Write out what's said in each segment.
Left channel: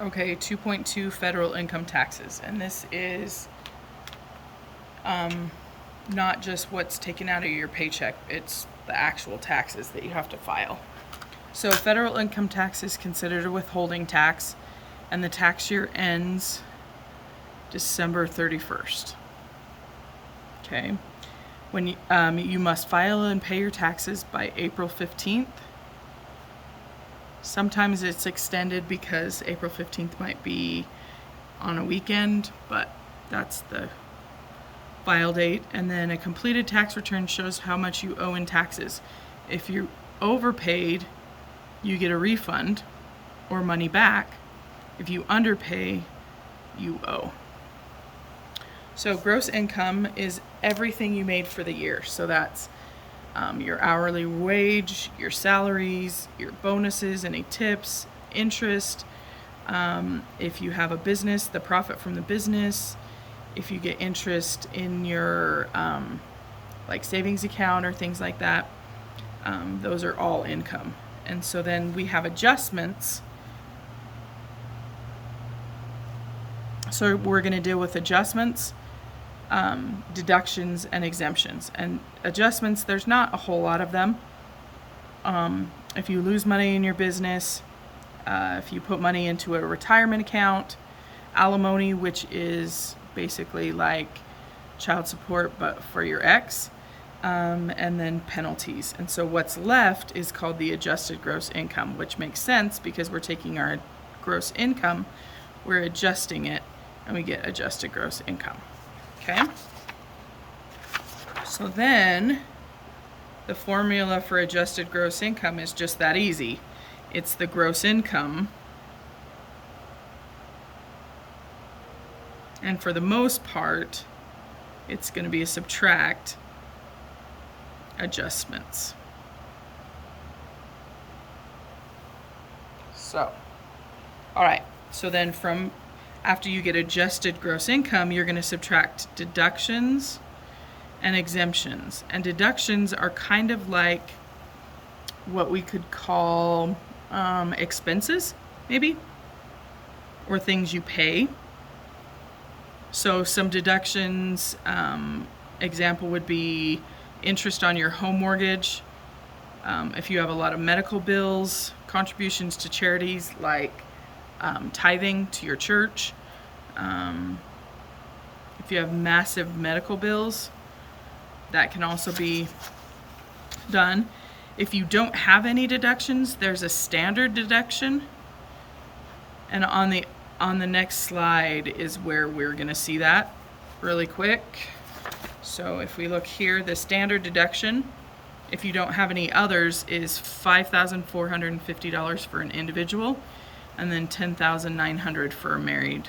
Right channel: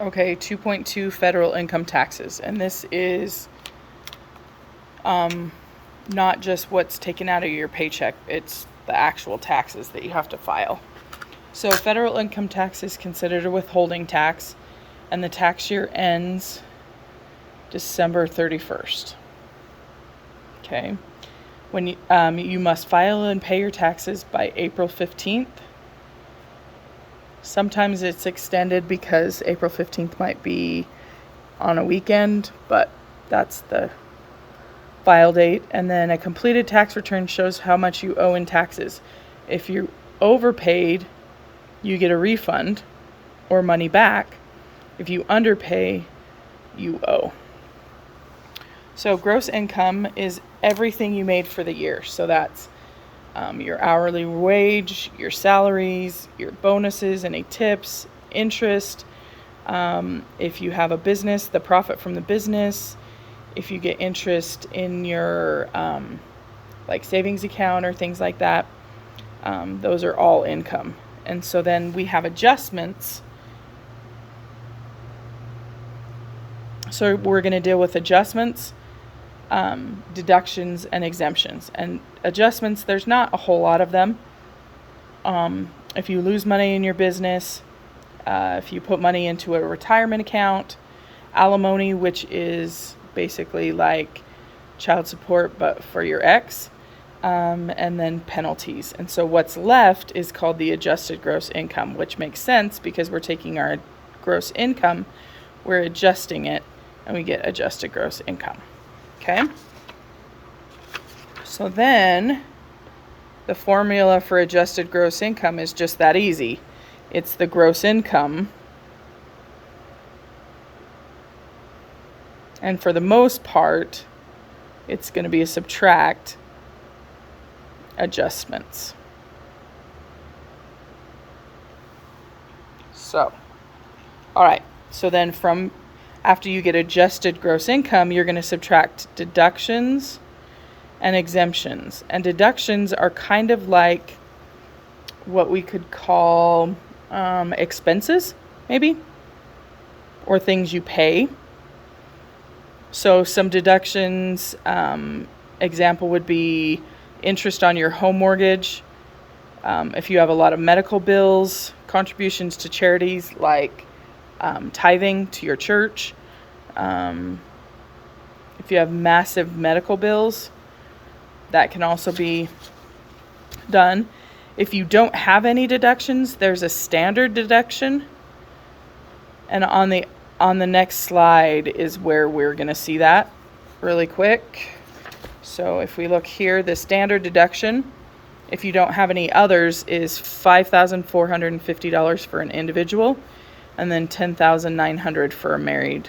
Okay, 2.2 federal income taxes. And this is not just what's taken out of your paycheck, it's the actual taxes that you have to file. So federal income tax is considered a withholding tax, and the tax year ends December 31st. Okay. When you must file and pay your taxes by April 15th. Sometimes it's extended because April 15th might be on a weekend, but that's the file date. And then a completed tax return shows how much you owe in taxes. If you overpaid, you get a refund or money back. If you underpay, you owe. So gross income is everything you made for the year. So that's your hourly wage, your salaries, your bonuses, any tips, interest. If you have a business, the profit from the business. If you get interest in your like savings account or things like that, those are all income. And so then we have adjustments. So we're going to deal with adjustments, deductions, and exemptions. And adjustments, there's not a whole lot of them. If you lose money in your business, if you put money into a retirement account, alimony, which is basically like child support but for your ex, and then penalties. And so what's left is called the adjusted gross income, which makes sense because we're taking our gross income, we're adjusting it, and we get adjusted gross income. Okay? So then the formula for adjusted gross income is just that easy. It's the gross income. And for the most part, it's going to be a subtract adjustments. So, all right. So then from after you get adjusted gross income, you're going to subtract deductions and exemptions. And deductions are kind of like what we could call expenses, maybe, or things you pay. So some deductions, example would be interest on your home mortgage. If you have a lot of medical bills, contributions to charities like tithing to your church. If you have massive medical bills, that can also be done. If you don't have any deductions, there's a standard deduction. And on the next slide is where we're going to see that really quick. So if we look here, the standard deduction, if you don't have any others, is $5,450 for an individual, and then $10,900 for a married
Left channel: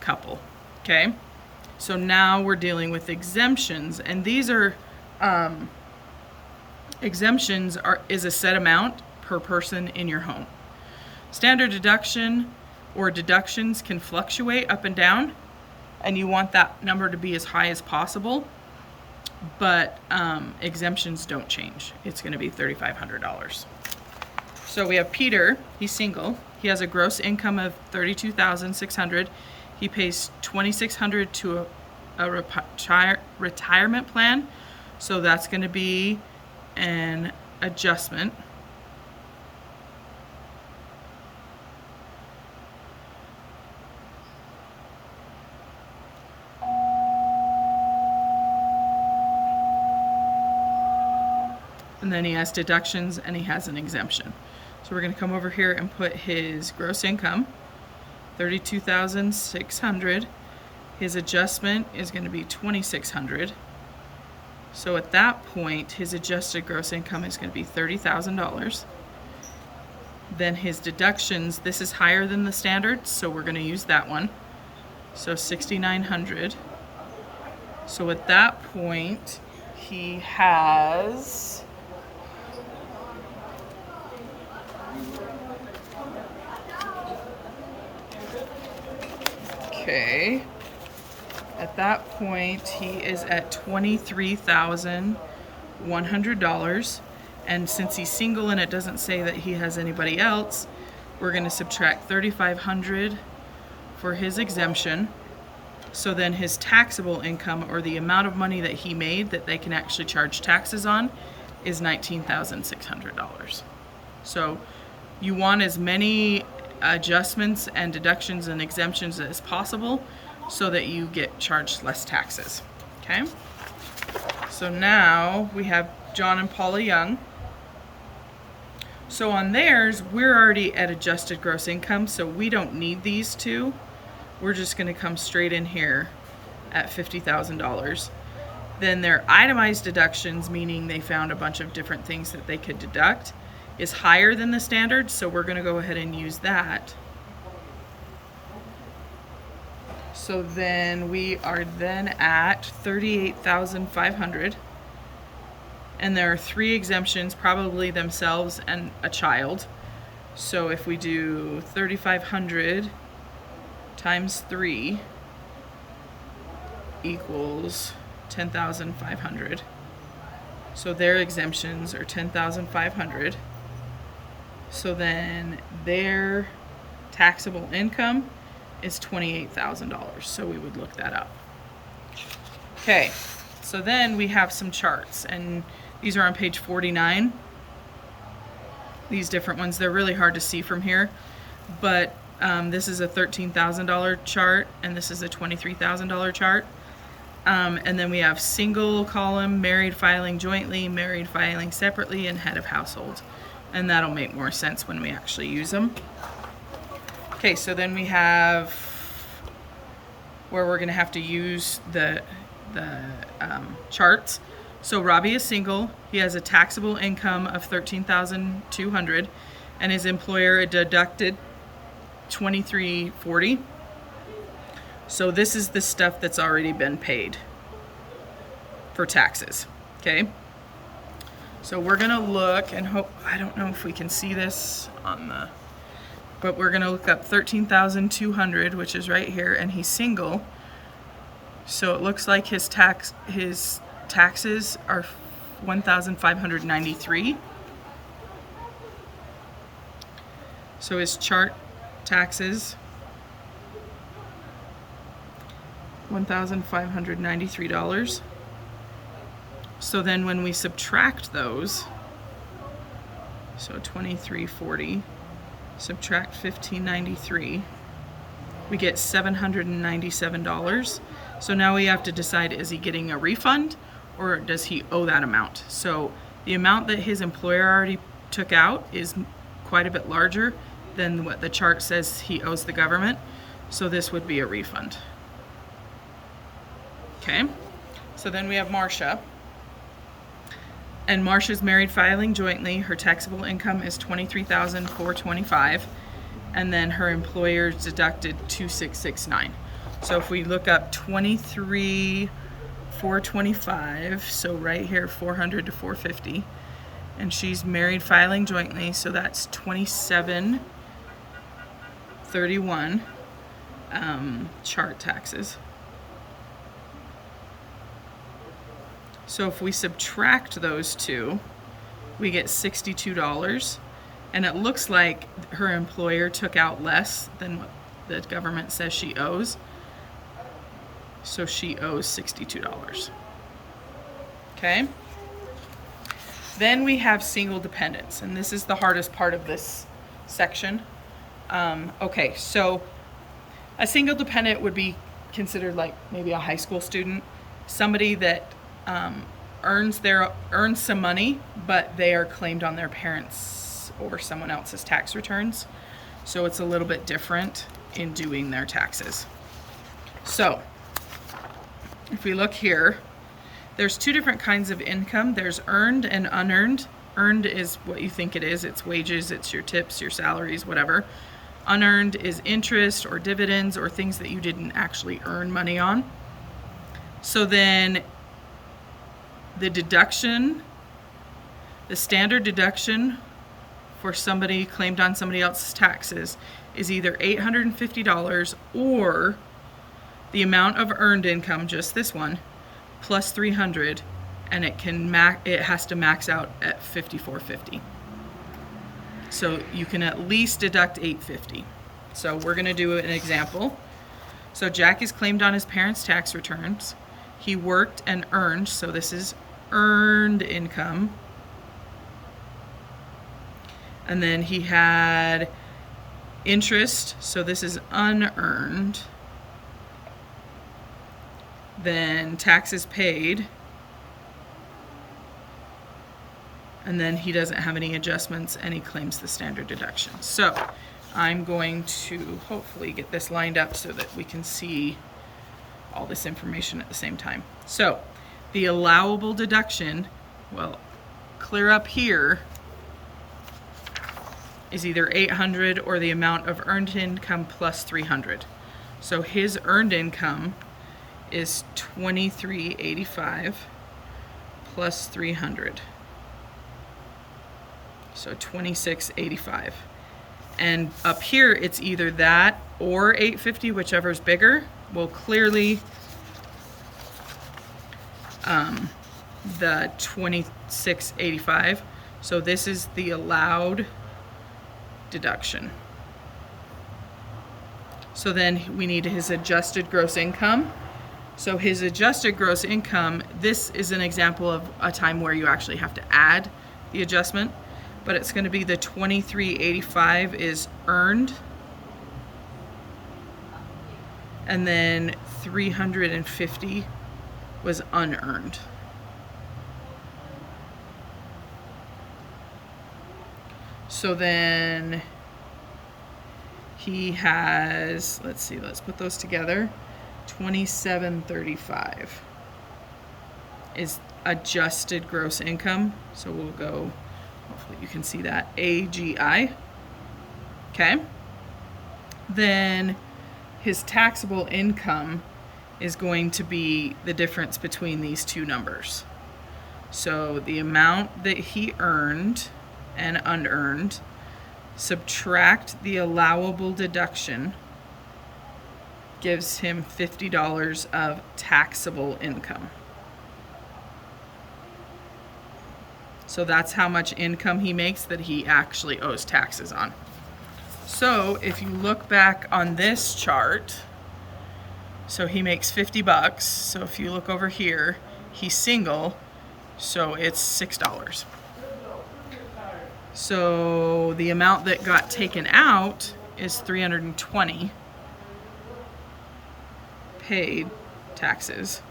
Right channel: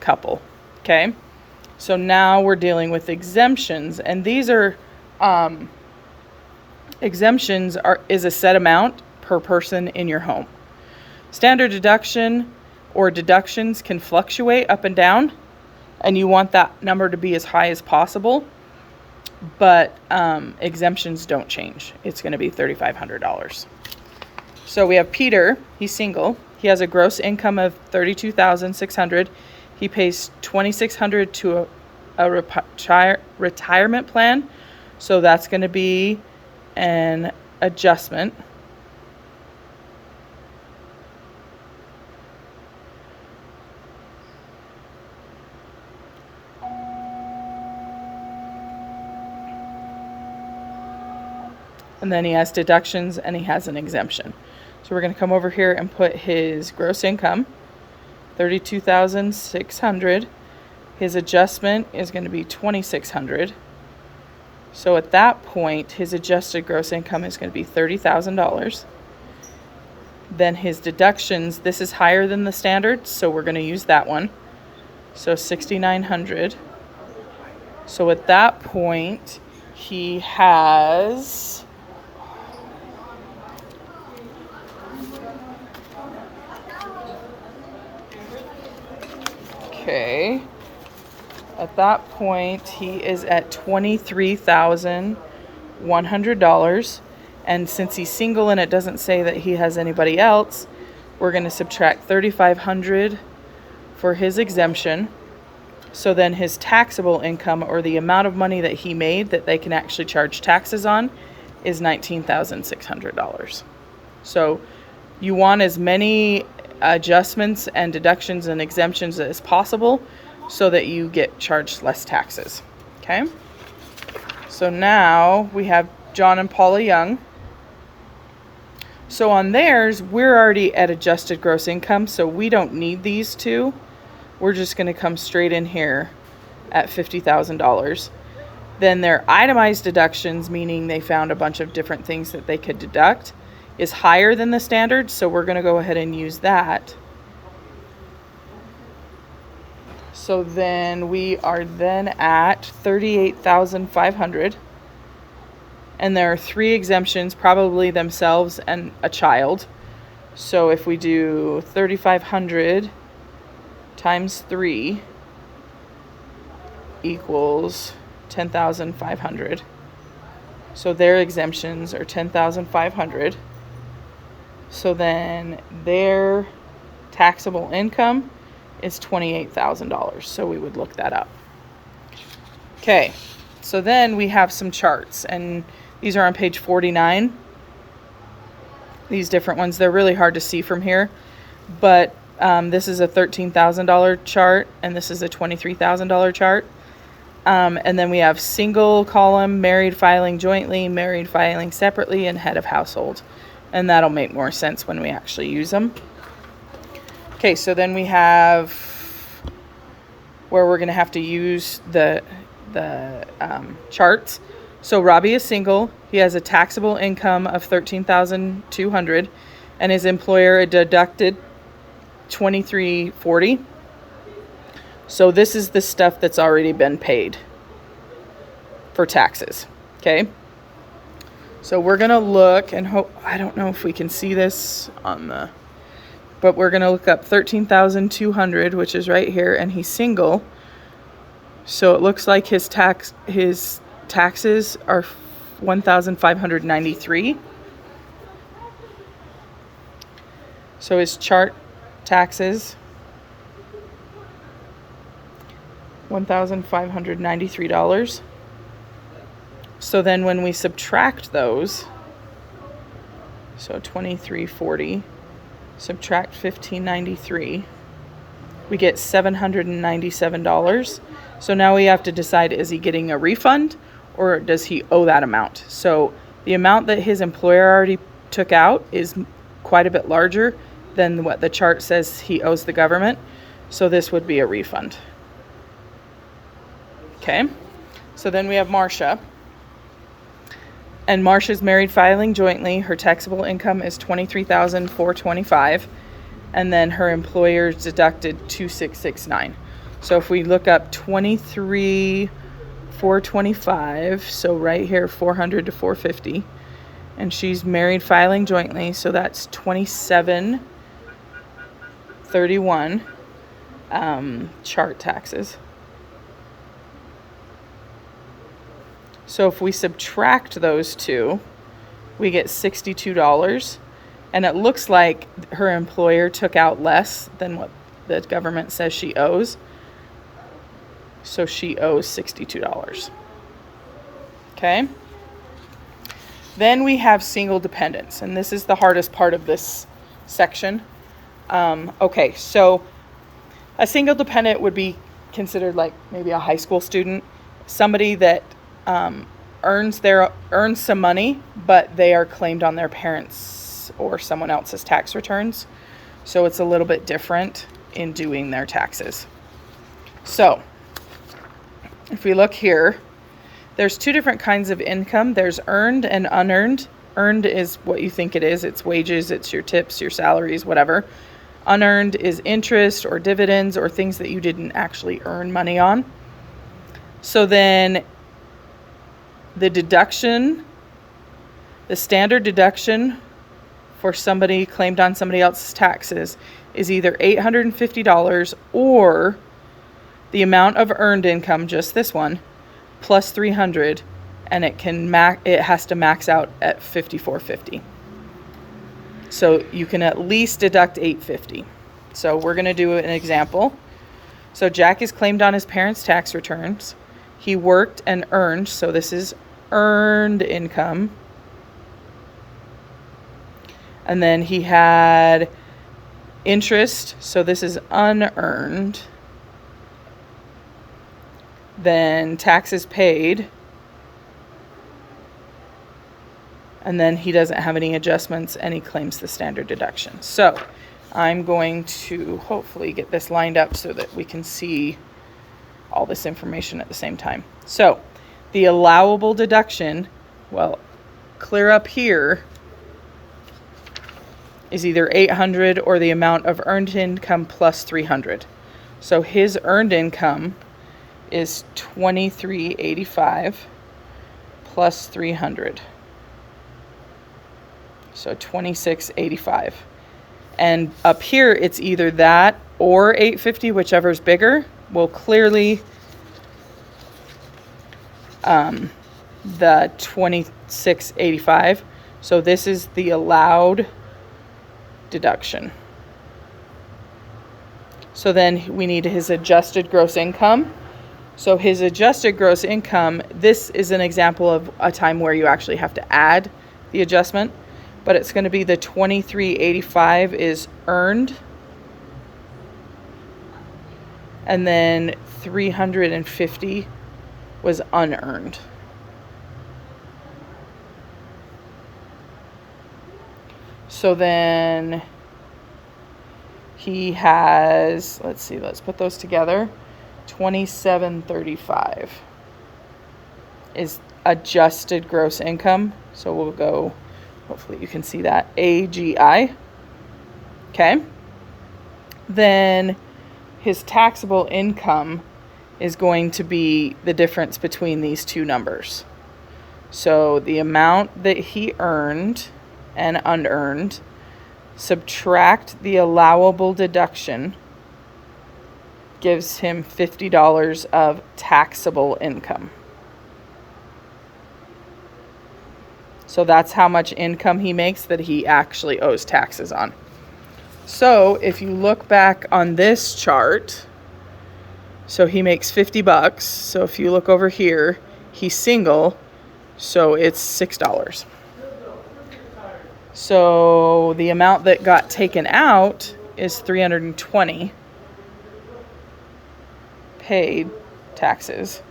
couple. Okay, so now we're dealing with exemptions, and these are exemptions is a set amount per person in your home. Standard deduction or deductions can fluctuate up and down, and you want that number to be as high as possible. But exemptions don't change. It's going to be $3,500. So we have Peter. He's single. He has a gross income of $32,600. He pays $2,600 to a retirement plan. So that's going to be an adjustment. And then he has deductions and he has an exemption. So we're going to come over here and put his gross income, $32,600. His adjustment is going to be $2,600. So at that point, his adjusted gross income is going to be $30,000. Then his deductions, this is higher than the standard, so we're going to use that one. So $6,900. So at that point, he has at that point, he is at $23,100. And since he's single and it doesn't say that he has anybody else, We're going to subtract $3,500 for his exemption. So then his taxable income, or the amount of money that he made that they can actually charge taxes on, is $19,600. So you want as many adjustments and deductions and exemptions as possible so that you get charged less taxes. Okay? So now we have John and Paula Young. So on theirs, we're already at adjusted gross income, so we don't need these two. We're just going to come straight in here at $50,000. Then their itemized deductions, meaning they found a bunch of different things that they could deduct, is higher than the standard, so we're going to go ahead and use that. So then we are then at $38,500. And there are 3 exemptions, probably themselves and a child. So if we do 3,500 times 3 equals 10,500. So their exemptions are 10,500. So then their taxable income is $28,000. So we would look that up. Okay, so then we have some charts, and these are on page 49. These different ones, they're really hard to see from here, but this is a $13,000 chart, and this is a $23,000 chart. And then we have single column, married filing jointly, married filing separately, and head of household. And that'll make more sense when we actually use them. Okay, so then we have where we're going to have to use the charts. So Robbie is single. He has a taxable income of $13,200, and his employer deducted $23.40. So this is the stuff that's already been paid for taxes. Okay. So we're going to look and hope, I don't know if we can see this on the, but we're going to look up 13,200, which is right here, and he's single. So it looks like his taxes are 1,593. So his chart taxes, $1,593. So then when we subtract those, so 2340, subtract 1593, we get $797. So now we have to decide, is he getting a refund or does he owe that amount? So the amount that his employer already took out is quite a bit larger than what the chart says he owes the government. So this would be a refund. Okay, so then we have Marcia. And Marcia's married filing jointly. Her taxable income is $23,425, and then her employer's deducted $2,669. So if we look up $23,425, so right here $400 to $450, and she's married filing jointly, so that's $27.31 chart taxes. So if we subtract those two, we get $62. And it looks like her employer took out less than what the government says she owes. So she owes $62. Okay. Then we have single dependents. And this is the hardest part of this section. Okay, so a single dependent would be considered like maybe a high school student, somebody that earns some money, but they are claimed on their parents' or someone else's tax returns. So it's a little bit different in doing their taxes. So if we look here, there's 2 different kinds of income. There's earned and unearned. Earned is what you think it is. It's wages, it's your tips, your salaries, whatever. Unearned is interest or dividends or things that you didn't actually earn money on. So then the deduction, the standard deduction for somebody claimed on somebody else's taxes is either $850 or the amount of earned income, just this one, plus $300, and it has to max out at $5,450. So you can at least deduct $850. So we're going to do an example. So Jack is claimed on his parents' tax returns. He worked and earned, so this is earned income. And then he had interest, so this is unearned. Then taxes paid. And then he doesn't have any adjustments and he claims the standard deduction. So I'm going to hopefully get this lined up so that we can see all this information at the same time. So the allowable deduction, well, clear up here, is either 800 or the amount of earned income plus 300. So his earned income is 2385 plus 300. So 2685. And up here it's either that or 850, whichever is bigger. Will clearly the 2685. So this is the allowed deduction. So then we need his adjusted gross income. So his adjusted gross income, this is an example of a time where you actually have to add the adjustment, but it's going to be the 2385 is earned, and then 350 was unearned. So then he has, let's put those together. 2735 is adjusted gross income. So we'll go, hopefully you can see that, AGI. Okay. Then his taxable income is going to be the difference between these two numbers. So the amount that he earned and unearned, subtract the allowable deduction, gives him $50 of taxable income. So that's how much income he makes that he actually owes taxes on. So if you look back on this chart, so he makes $50. So if you look over here, he's single, so it's $6. So the amount that got taken out is $320 paid taxes.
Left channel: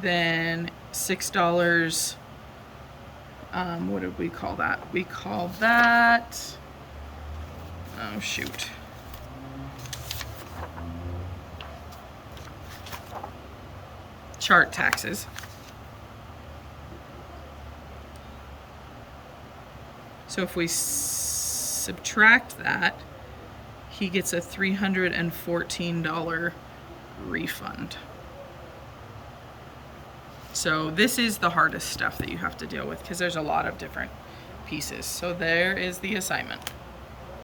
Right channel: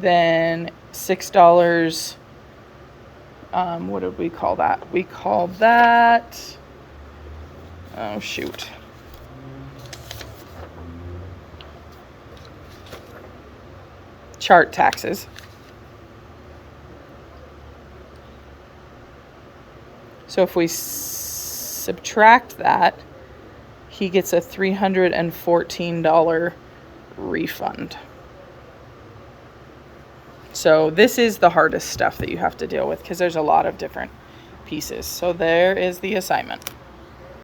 Then $6, what did we call that? We called that, oh shoot. Chart taxes. So if we subtract that, he gets a $314 refund. So this is the hardest stuff that you have to deal with because there's a lot of different pieces. So there is the assignment.